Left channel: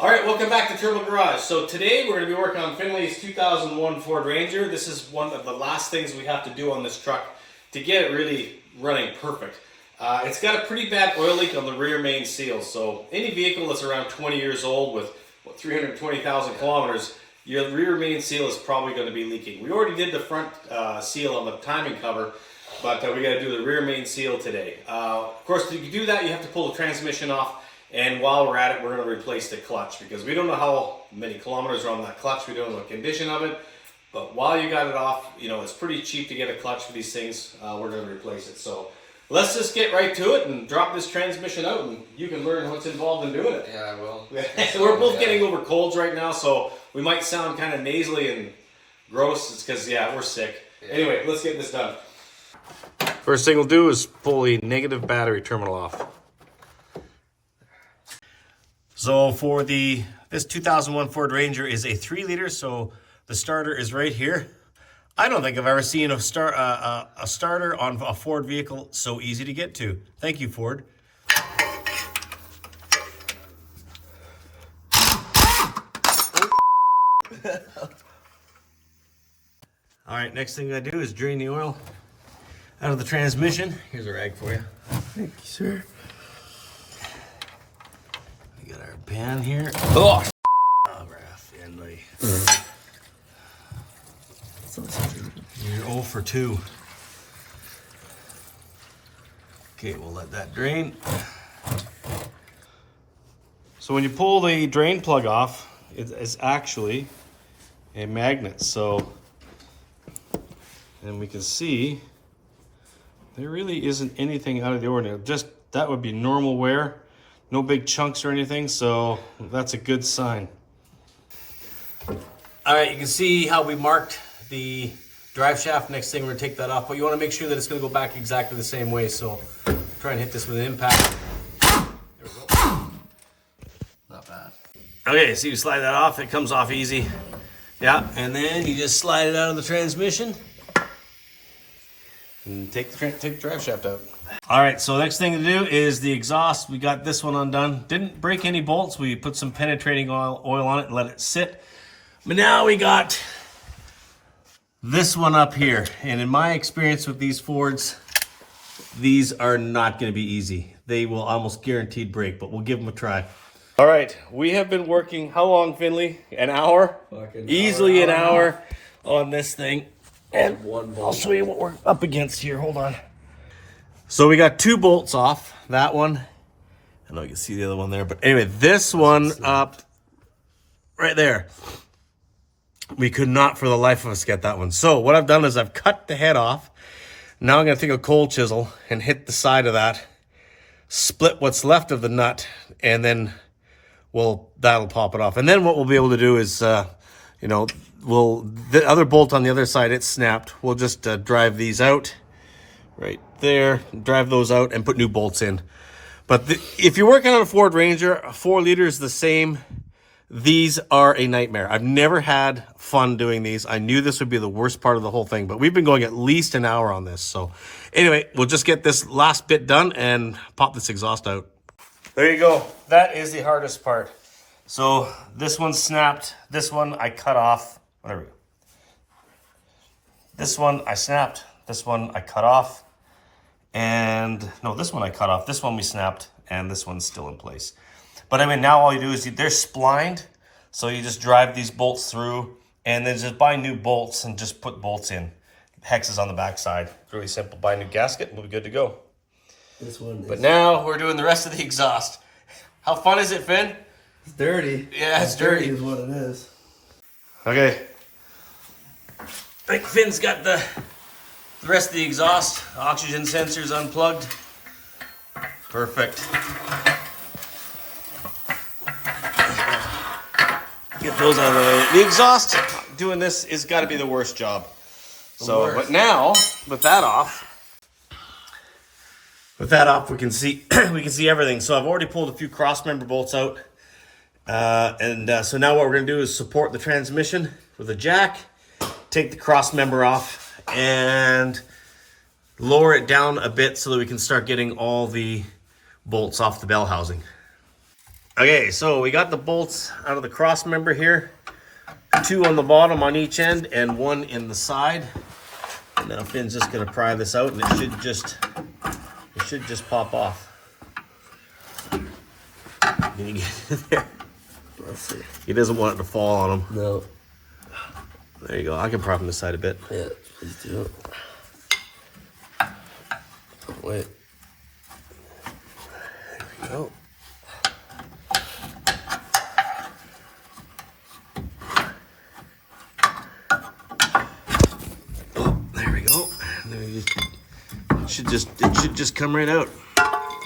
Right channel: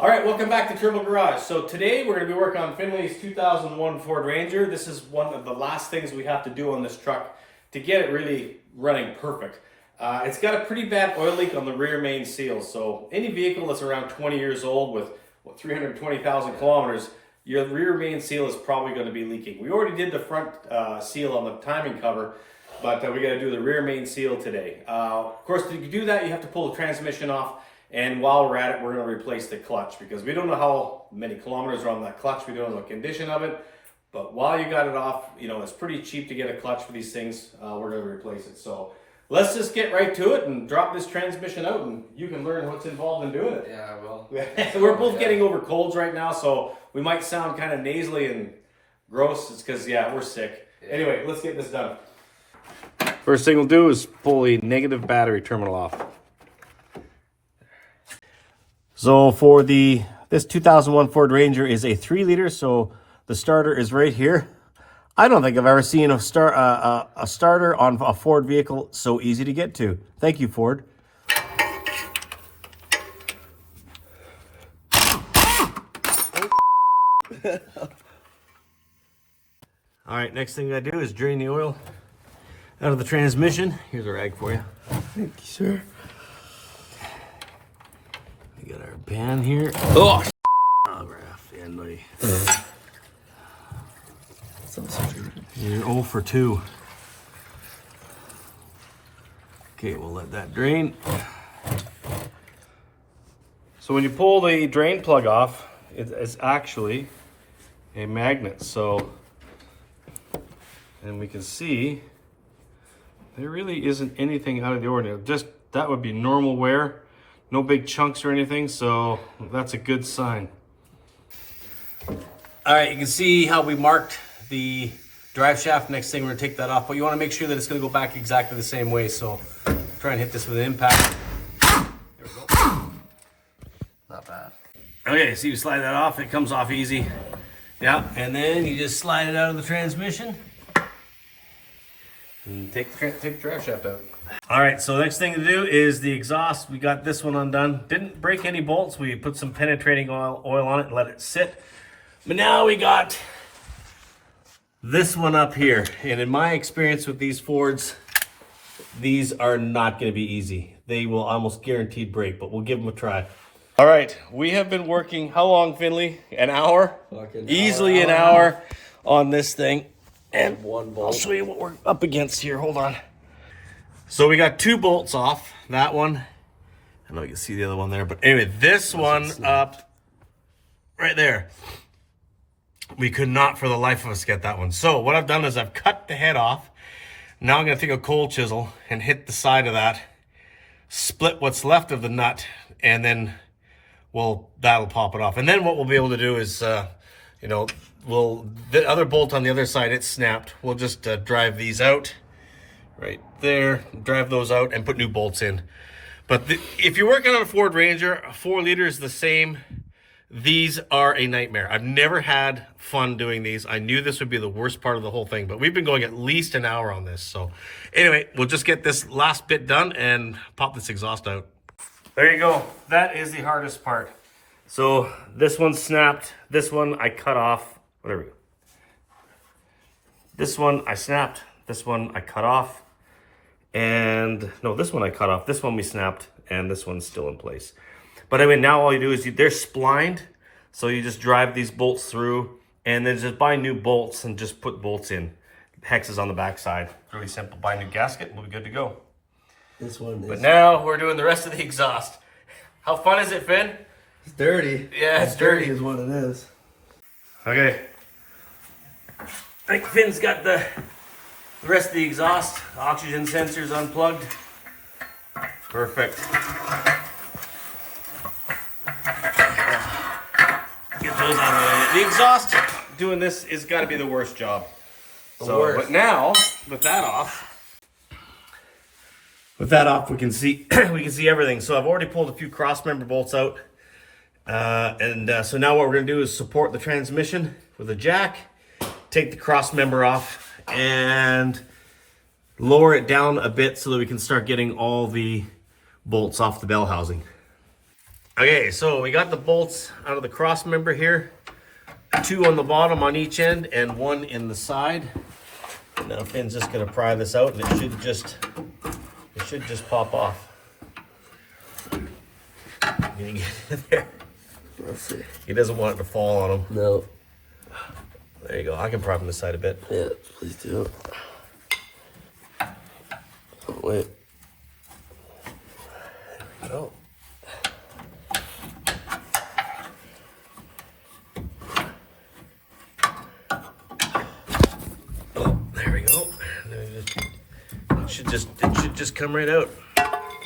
All right, welcome back to Turbo Garage. So today we're going to be working on Finley's 2001 Ford Ranger. This is one of the last things we have to do on this truck to get it really running perfect. It's got a pretty bad oil leak on the rear main seal. So any vehicle that's around 20 years old with 320,000 kilometers, your rear main seal is probably going to be leaking. We already did the front seal on the timing cover, but we got to do the rear main seal today. Of course, to do that, you have to pull the transmission off. And while we're at it, we're going to replace the clutch because we don't know how many kilometers are on that clutch. We don't know the condition of it. But while you got it off, you know, it's pretty cheap to get a clutch for these things. We're going to replace it. So let's just get right to it and drop this transmission out and you can learn what's involved in doing it. Yeah, well. We're both getting over colds right now, so we might sound kind of nasally and gross. It's because, yeah, we're sick. Yeah. Anyway, let's get this done. First thing we'll do is pull the negative battery terminal off. So for this 2001 Ford Ranger is a 3-liter, so the starter is right here. I don't think I've ever seen a starter on a Ford vehicle so easy to get to. Thank you, Ford. All right, next thing I do is drain the oil out of the transmission. Here's a rag for you. Thank you, sir. We got our pan here. Oh, Finley. You're 0 for 2. Okay, we'll let that drain. So when you pull the drain plug off, it's actually a magnet. So, and we can see there really isn't anything out of the ordinary. Just that would be normal wear. No big chunks or anything, so that's a good sign. All right, you can see how we marked the drive shaft. Next thing, we're gonna take that off, but you wanna make sure that it's gonna go back exactly the same way, so try and hit this with an impact. There we go. Not bad. Okay, so you slide that off, it comes off easy. Yeah, and then you just slide it out of the transmission and take the drive shaft out. All right, so next thing to do is the exhaust. We got this one undone. Didn't break any bolts. We put some penetrating oil on it and let it sit. But now we got this one up here. And in my experience with these Fords, these are not going to be easy. They will almost guaranteed break, but we'll give them a try. All right, we have been working, how long, Finley? An hour? Easily an hour on this thing. And I'll show you what we're up against here. Hold on. So we got 2 bolts off. That one. I don't know if you can see the other one there. But anyway, this one up right there. We could not for the life of us get that one. So what I've done is I've cut the head off. Now I'm going to take a cold chisel and hit the side of that. Split what's left of the nut. And then that'll pop it off. And then what we'll be able to do is, the other bolt on the other side, it's snapped. We'll just drive these out. Right there, drive those out and put new bolts in. But if you're working on a Ford Ranger, 4 liters the same. These are a nightmare. I've never had fun doing these. I knew this would be the worst part of the whole thing, but we've been going at least an hour on this. So anyway, we'll just get this last bit done and pop this exhaust out. There you go. That is the hardest part. So this one snapped. This one I cut off. Whatever. This one I snapped. This one I cut off. And no, this one I cut off. This one we snapped, and this one's still in place. But I mean, now all you do is they're splined, so you just drive these bolts through, and then just buy new bolts and just put bolts in. Hex is on the back side. Really simple. Buy a new gasket, and we'll be good to go. This one. But now we're doing the rest of the exhaust. How fun is it, Finn? It's dirty. Yeah, it's dirty. Is what it is. Okay. I think Finn's got the rest of the exhaust. Oxygen sensors unplugged. Perfect. Get those on the way. The exhaust, doing this is got to be the worst job. So, but now with that off, we can see everything. So I've already pulled a few cross member bolts out, so now what we're gonna do is support the transmission with a jack, take the cross member off, and lower it down a bit so that we can start getting all the bolts off the bell housing. Okay, so we got the bolts out of the cross member here. 2 on the bottom on each end and 1 in the side. And now Finn's just gonna pry this out and it should just pop off. Can you get in there? Let's see. He doesn't want it to fall on him. No. There you go. I can prop him this side a bit. Yeah, please do it. Oh, wait. There we go. There we go. It should just come right out.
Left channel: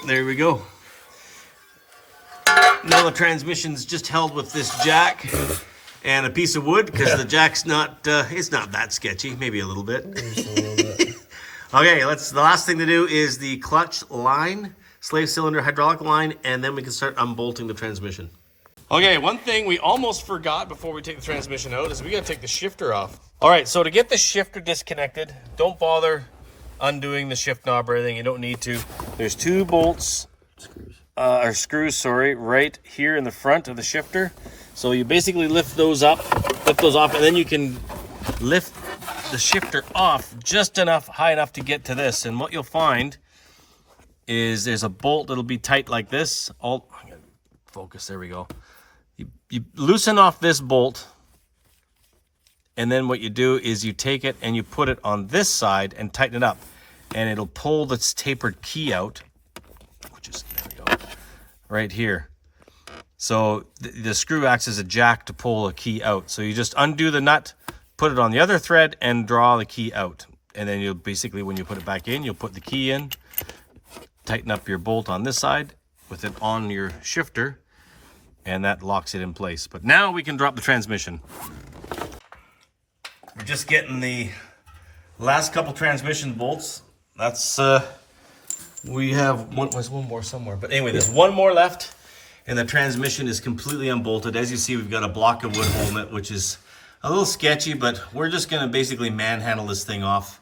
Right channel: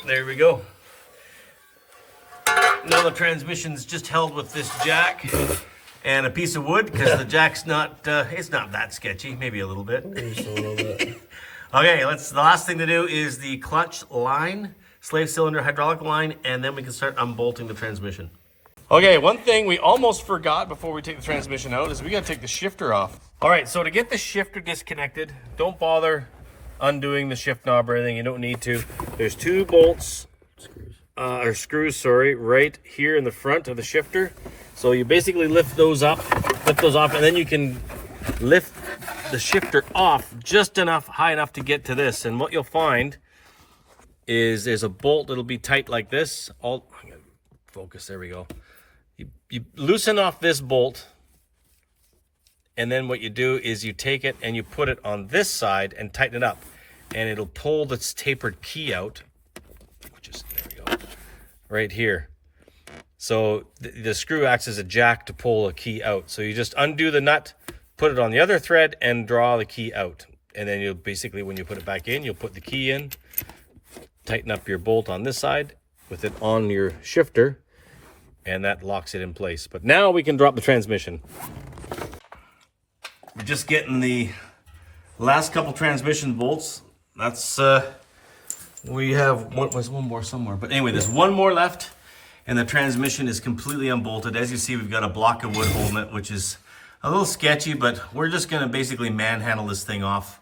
There we go. Now the transmission's just held with this jack and a piece of wood because the jack's not it's not that sketchy, maybe a little bit. Just a little bit. Okay, the last thing to do is the clutch line, slave cylinder hydraulic line, and then we can start unbolting the transmission. Okay, one thing we almost forgot before we take the transmission out is we gotta take the shifter off. All right, so to get the shifter disconnected, don't bother undoing the shift knob or anything. You don't need to. There's 2 bolts, screws, sorry, right here in the front of the shifter. So you basically lift those off, and then you can lift the shifter off just high enough to get to this. And what you'll find is there's a bolt that'll be tight like this. I'm gonna focus, there we go. You loosen off this bolt, and then what you do is you take it and you put it on this side and tighten it up, and it'll pull this tapered key out, which is, there we go, right here. So the screw acts as a jack to pull a key out. So you just undo the nut, put it on the other thread, and draw the key out. And then you'll basically, when you put it back in, you'll put the key in, tighten up your bolt on this side with it on your shifter, and that locks it in place. But now we can drop the transmission. We're just getting the last couple transmission bolts. That's, we have one more somewhere. But anyway, there's one more left, and the transmission is completely unbolted. As you see, we've got a block of wood holding it, which is a little sketchy, but we're just gonna basically manhandle this thing off.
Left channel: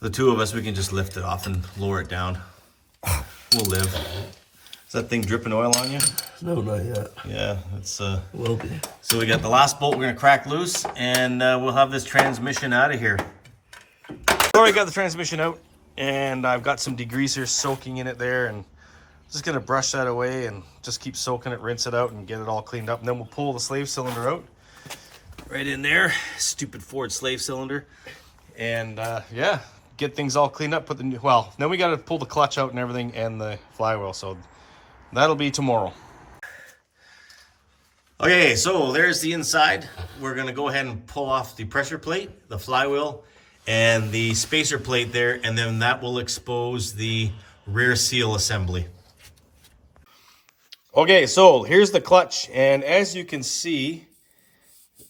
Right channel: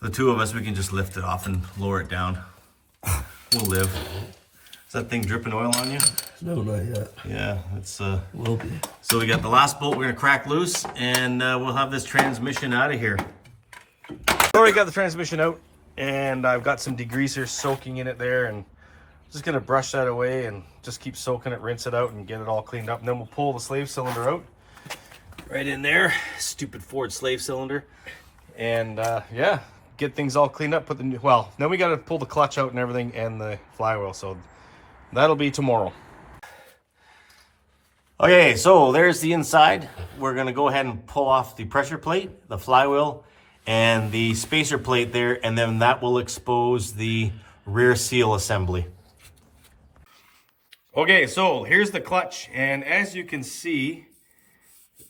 The 2 of us, we can just lift it off and lower it down. We'll live. Is that thing dripping oil on you? No, not yet. Yeah, it's Will be. So we got the last bolt we're gonna crack loose, and we'll have this transmission out of here. Already got the transmission out, and I've got some degreaser soaking in it there, and just gonna brush that away and just keep soaking it, rinse it out, and get it all cleaned up. And then we'll pull the slave cylinder out. Right in there, stupid Ford slave cylinder. And yeah, get things all cleaned up, then we gotta pull the clutch out and everything, and the flywheel, so that'll be tomorrow. Okay, so there's the inside. We're gonna go ahead and pull off the pressure plate, the flywheel, and the spacer plate there, and then that will expose the rear seal assembly. Okay, so here's the clutch, and as you can see,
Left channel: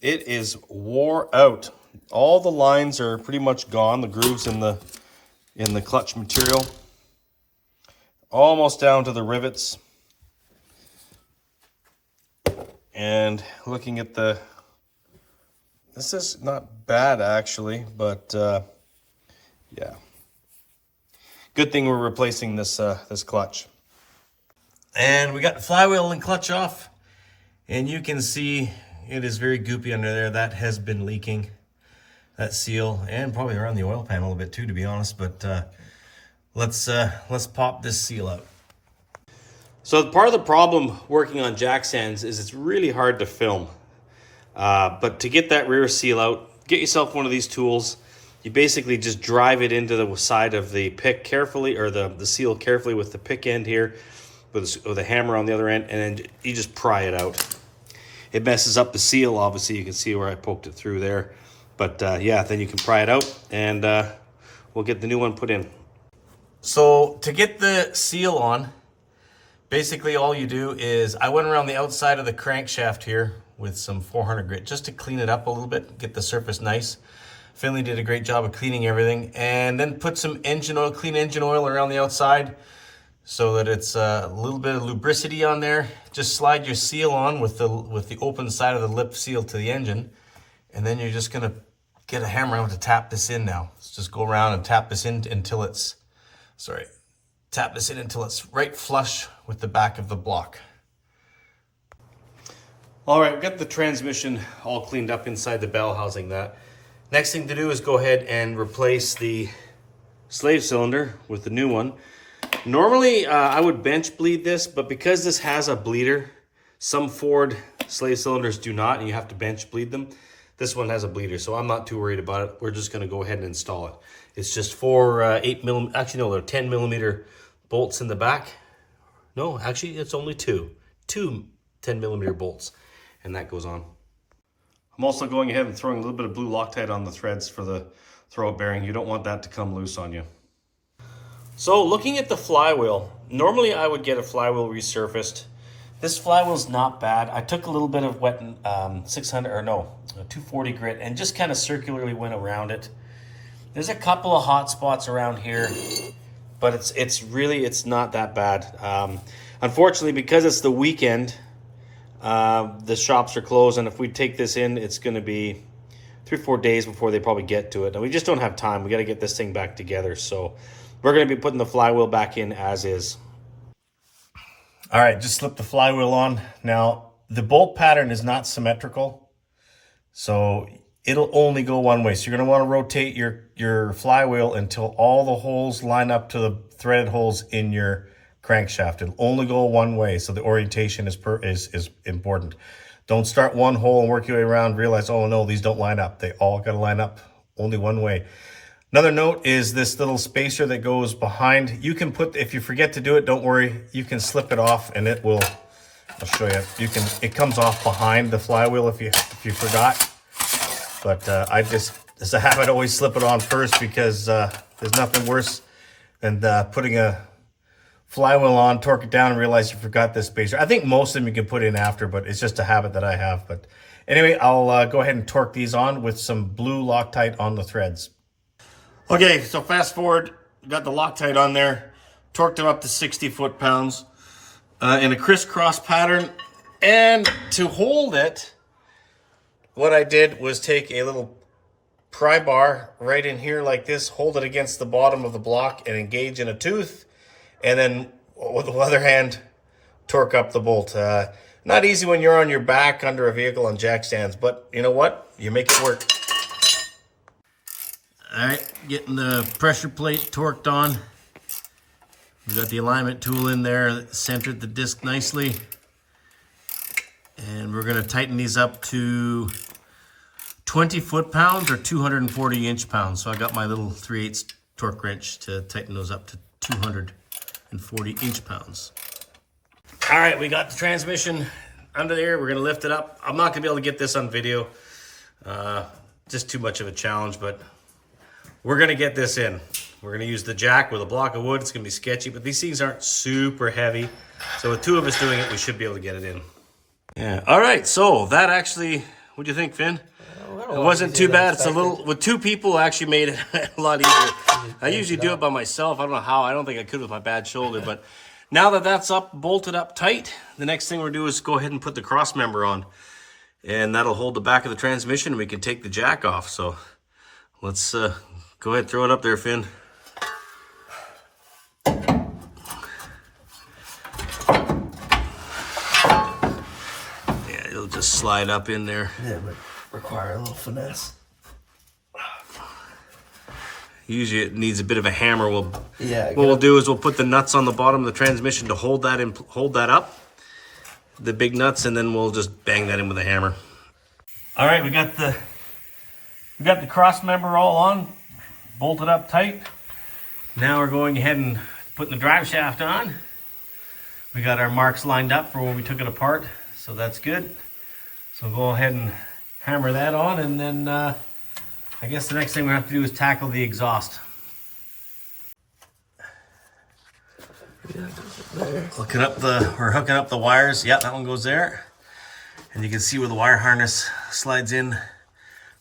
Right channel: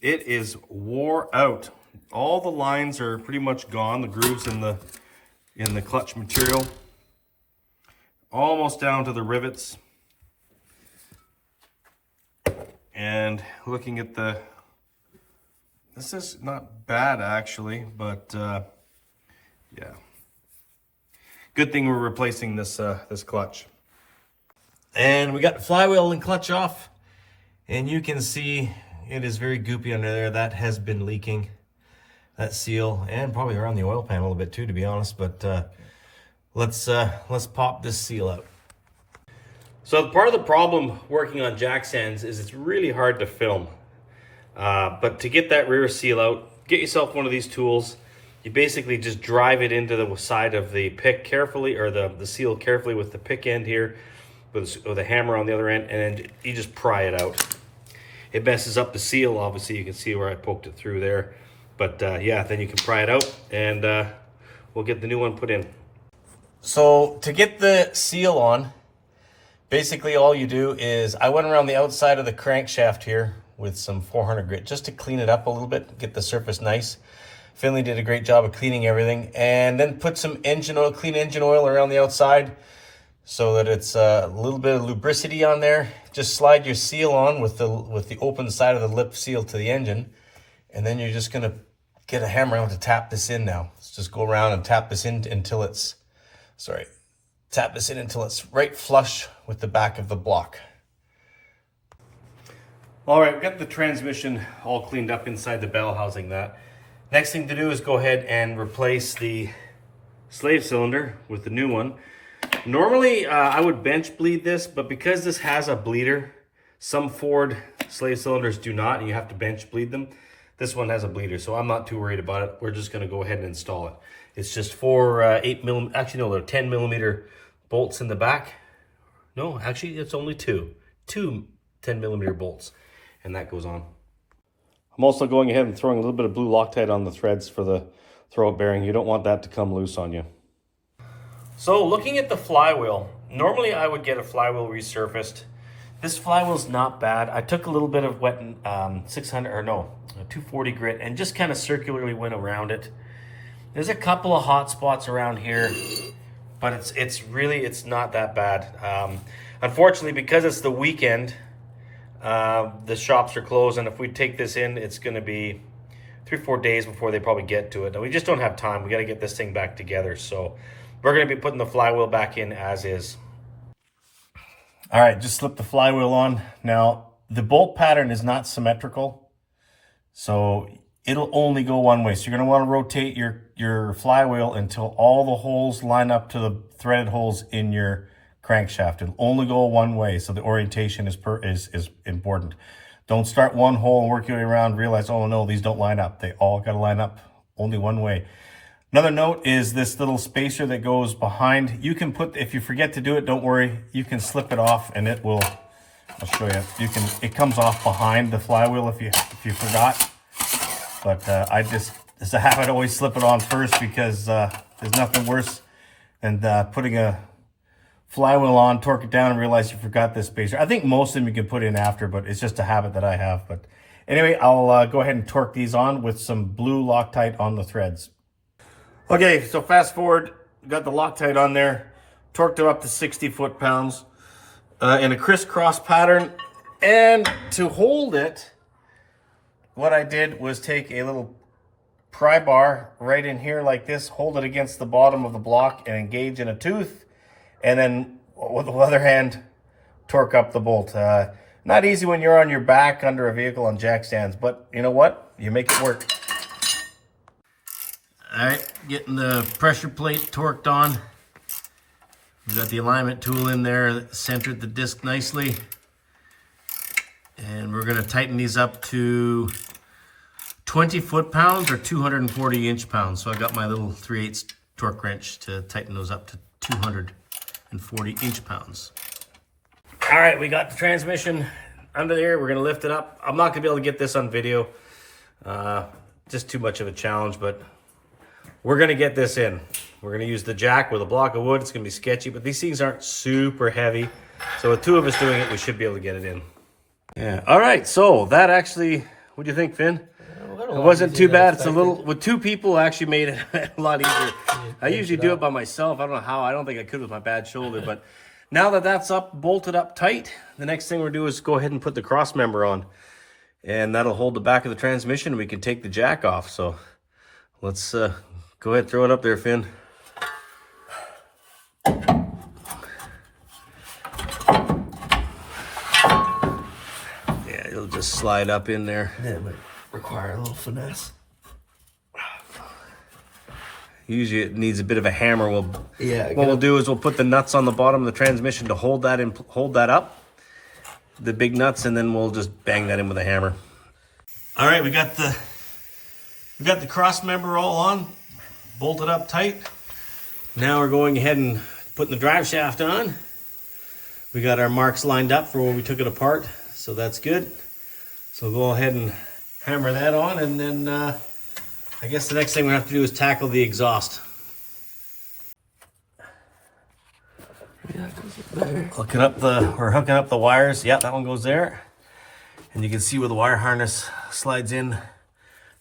it is wore out. All the lines are pretty much gone, the grooves in the clutch material. Almost down to the rivets. And looking at this is not bad actually, but yeah. Good thing we're replacing this clutch. And we got the flywheel and clutch off, and you can see it is very goopy under there. That has been leaking, that seal, and probably around the oil pan a little bit too, to be honest. But let's pop this seal out. So part of the problem working on jack stands is it's really hard to film. But to get that rear seal out, get yourself one of these tools. You basically just drive it into the side of the pick carefully, or the seal carefully with the pick end here, with a hammer on the other end, and then you just pry it out. It messes up the seal, obviously. You can see where I poked it through there. But yeah, then you can pry it out, and we'll get the new one put in. So to get the seal on, basically all you do is, I went around the outside of the crankshaft here with some 400 grit just to clean it up a little bit, get the surface nice. Finley did a great job of cleaning everything, and then put some engine oil, clean engine oil around the outside so that it's a little bit of lubricity on there. Just slide your seal on with the open side of the lip seal to the engine, and then you're just gonna get a hammer out to tap this in now. Let's just go around and tap this in until it's, tap this in until it's right flush with the back of the block. All right, we've got the transmission all cleaned up inside the bell housing that. Next thing to do is go ahead and replace the slave cylinder with the new one. Normally, I would bench bleed this, but because this has a bleeder, some Ford slave cylinders do not, and you have to bench bleed them. This one has a bleeder, so I'm not too worried about it. We're just gonna go ahead and install it. It's just four 10 millimeter bolts in the back. No, actually, it's only two 10 millimeter bolts, and that goes on. I'm also going ahead and throwing a little bit of blue Loctite on the threads for the throwout bearing. You don't want that to come loose on you. So looking at the flywheel, normally I would get a flywheel resurfaced. This flywheel's not bad. I took a little bit of wet 240 grit and just kind of circularly went around it. There's a couple of hot spots around here, but it's not that bad. Unfortunately, because it's the weekend, the shops are closed, and if we take this in, it's going to be 3 or 4 days before they probably get to it. And we just don't have time. We got to get this thing back together. So we're going to be putting the flywheel back in as is. All right, just slip the flywheel on. Now, the bolt pattern is not symmetrical, so it'll only go one way. So you're going to want to rotate your flywheel until all the holes line up to the threaded holes in your crankshaft. It'll only go one way, so the orientation is important. Don't start one hole and work your way around, realize, oh no, these don't line up. They all got to line up only one way. Another note is this little spacer that goes behind. You can put, if you forget to do it, don't worry, you can slip it off and it will, I'll show you. It comes off behind the flywheel if you forgot. But I just, as a habit, always slip it on first, because there's nothing worse than putting a flywheel on, torque it down, and realize you forgot this spacer. I think most of them you can put in after, but it's just a habit that I have. But anyway, I'll go ahead and torque these on with some blue Loctite on the threads. Okay, so fast forward, got the Loctite on there, torqued them up to 60 foot-pounds in a crisscross pattern. And to hold it, what I did was take a little pry bar right in here like this, hold it against the bottom of the block and engage in a tooth, and then with the other hand, torque up the bolt. Not easy when you're on your back under a vehicle on jack stands, but you know what? You make it work. All right, getting the pressure plate torqued on. We've got the alignment tool in there that centered the disc nicely. And we're gonna tighten these up to 20 foot-pounds or 240 inch-pounds. So I got my little 3/8 torque wrench to tighten those up to 240 inch-pounds. All right, we got the transmission under there. We're gonna lift it up. I'm not gonna be able to get this on video. Just too much of a challenge, but we're gonna get this in. We're gonna use the jack with a block of wood. It's gonna be sketchy, but these things aren't super heavy. So with two of us doing it, we should be able to get it in. Yeah, all right, so that actually, what do you think, Finn? It wasn't too bad. It's a little, with two people, actually made it a lot easier. I usually do it by myself. I don't know how. I don't think I could with my bad shoulder, but now that that's up, bolted up tight, the next thing we'll do is go ahead and put the cross member on, and that'll hold the back of the transmission, and we can take the jack off. So let's go ahead, throw it up there, Finn. Yeah, it'll just slide up in there. Yeah, but require a little finesse. Usually it needs a bit of a hammer. What Yeah. we'll do is we'll put the nuts on the bottom of the transmission to hold that up, the big nuts, and then we'll just bang that in with a hammer. All right, we got the cross member all on, bolted up tight. Now we're going ahead and putting the drive shaft on. We got our marks lined up for when we took it apart, so that's good. So we'll go ahead and hammer that on, and then I guess the next thing we have to do is tackle the exhaust. Hooking up the wires. Yep, that one goes there. And you can see where the wire harness slides in,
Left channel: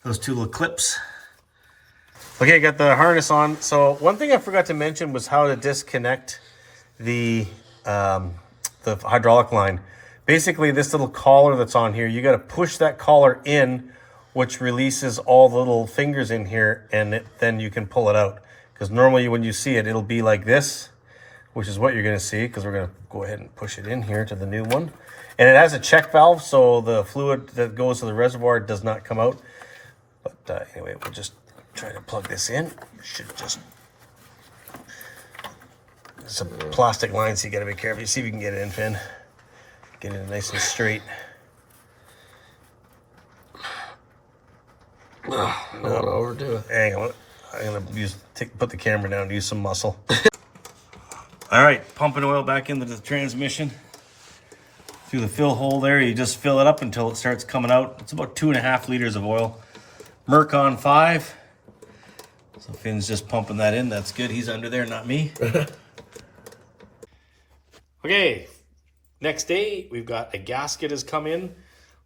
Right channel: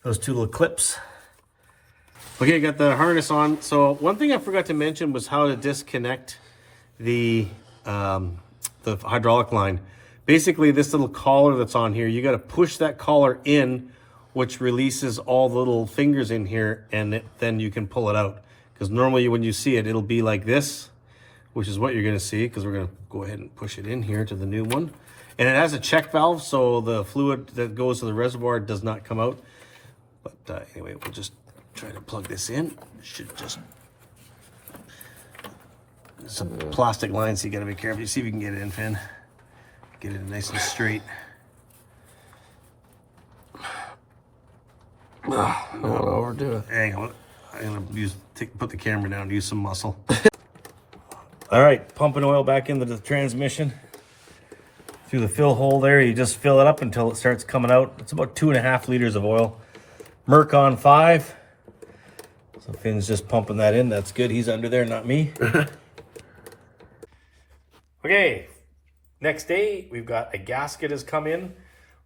those two little clips. Okay, got the harness on. So one thing I forgot to mention was how to disconnect the hydraulic line. Basically, this little collar that's on here, you got to push that collar in, which releases all the little fingers in here, and then you can pull it out. Because normally when you see it, it'll be like this. which is what you're going to see because we're going to go ahead and push it in here to the new one. And it has a check valve, so the fluid that goes to the reservoir does not come out. But anyway, we'll just try to plug this in. Should just... Some plastic lines, so you got to be careful. You see if you can get it in, Finn. Get it nice and straight. I don't know what we're doing. Hang on. I'm going to put the camera down to use some muscle. All right, pumping oil back into the transmission. Through the fill hole there, you just fill it up until it starts coming out. It's about 2.5 liters of oil. Merc on 5. So Finn's just pumping that in. That's good. He's under there, not me. Okay, next day we've got a gasket has come in.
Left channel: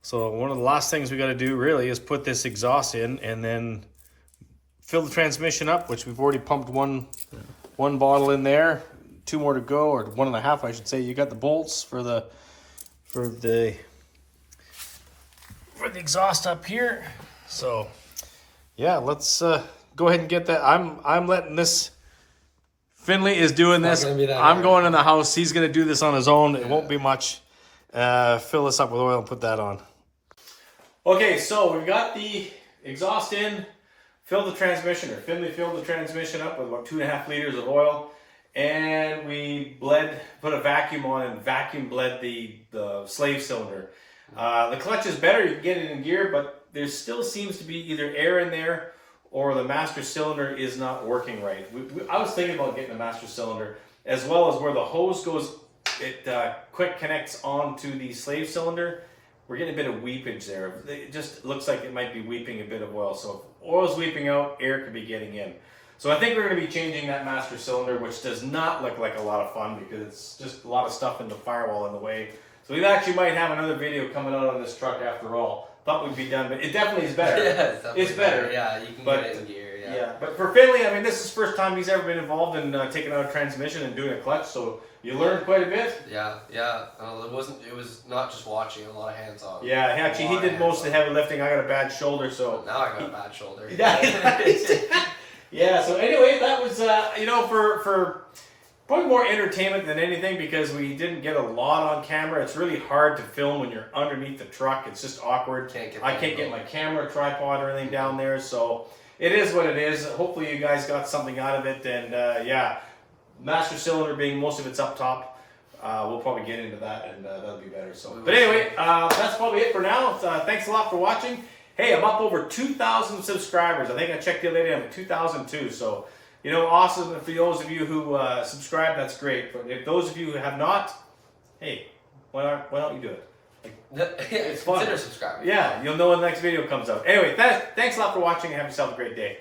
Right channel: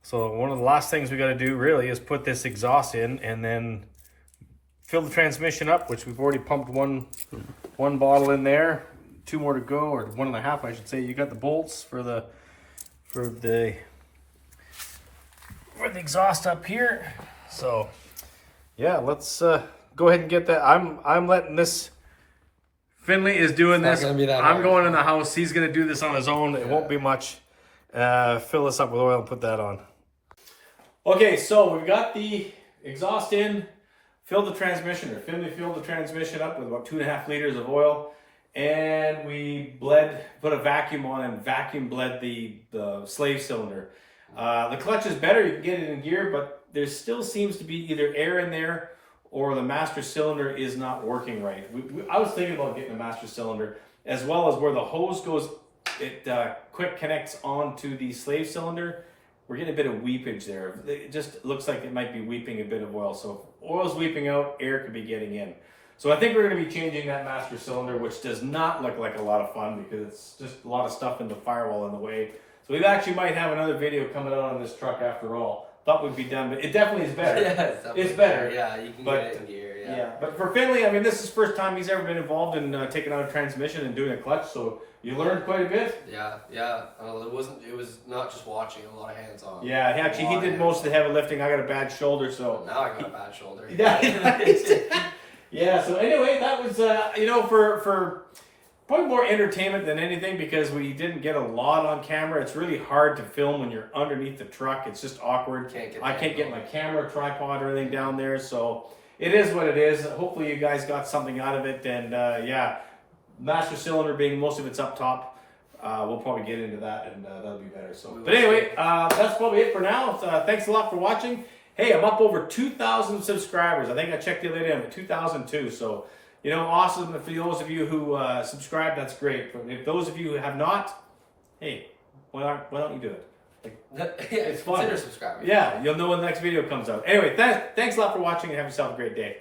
So one of the last things we got to do really is put this exhaust in and then fill the transmission up, which we've already pumped one bottle in there. 2 more to go, or 1.5 I should say. You got the bolts for the exhaust up here. So yeah, let's go ahead and get that. I'm letting this. Finley is doing this. I'm going in the house. He's going to do this on his own. It won't be much. Fill this up with oil and put that on. Okay, so we've got the exhaust in. Filled the transmission, or Finley filled the transmission up with about 2.5 liters of oil. And we put a vacuum on and vacuum bled the slave cylinder. The clutch is better. You can get it in gear, but there still seems to be either air in there or the master cylinder is not working right. I was thinking about getting a master cylinder, as well as where the hose goes, it quick connects onto the slave cylinder. We're getting a bit of weepage there. It just looks like it might be weeping a bit of oil. So if oil's weeping out, air could be getting in. So I think we're going to be changing that master cylinder, which does not look like a lot of fun because it's just a lot of stuff in the firewall in the way. So we actually might have another video coming out on this truck after all. Thought we'd be done, but it definitely is better. Yeah, it's better. Yeah, you can get it in gear. Yeah, but for Finley, I mean, this is the first time he's ever been involved in taking out a transmission and doing a clutch, so you learned quite a bit. Yeah. It was not just watching, a lot of hands-on. Yeah, actually, he did most of the heavy lifting. I got a bad shoulder, so. Now I got a bad shoulder. Yeah, so anyway, that was, for probably more entertainment than anything because we didn't get a lot on camera. It's really hard to film when you're underneath the truck. It's just awkward. I can't get my camera tripod or anything down there, so it is what it is. Hopefully you guys got something out of it, and yeah, master cylinder being most of it's up top. We'll probably get into that, and that'll be better. So, but anyway, that's probably it for now. Thanks a lot for watching. Hey, I'm up over 2,000 subscribers. I think I checked the other day. I'm at 2,002. So, awesome. For those of you who subscribe, that's great. But if those of you who have not, hey, why don't you do it? It's fun. Consider subscribing. Yeah, you'll know when the next video comes out. Anyway, thanks a lot for watching, and have yourself a great day.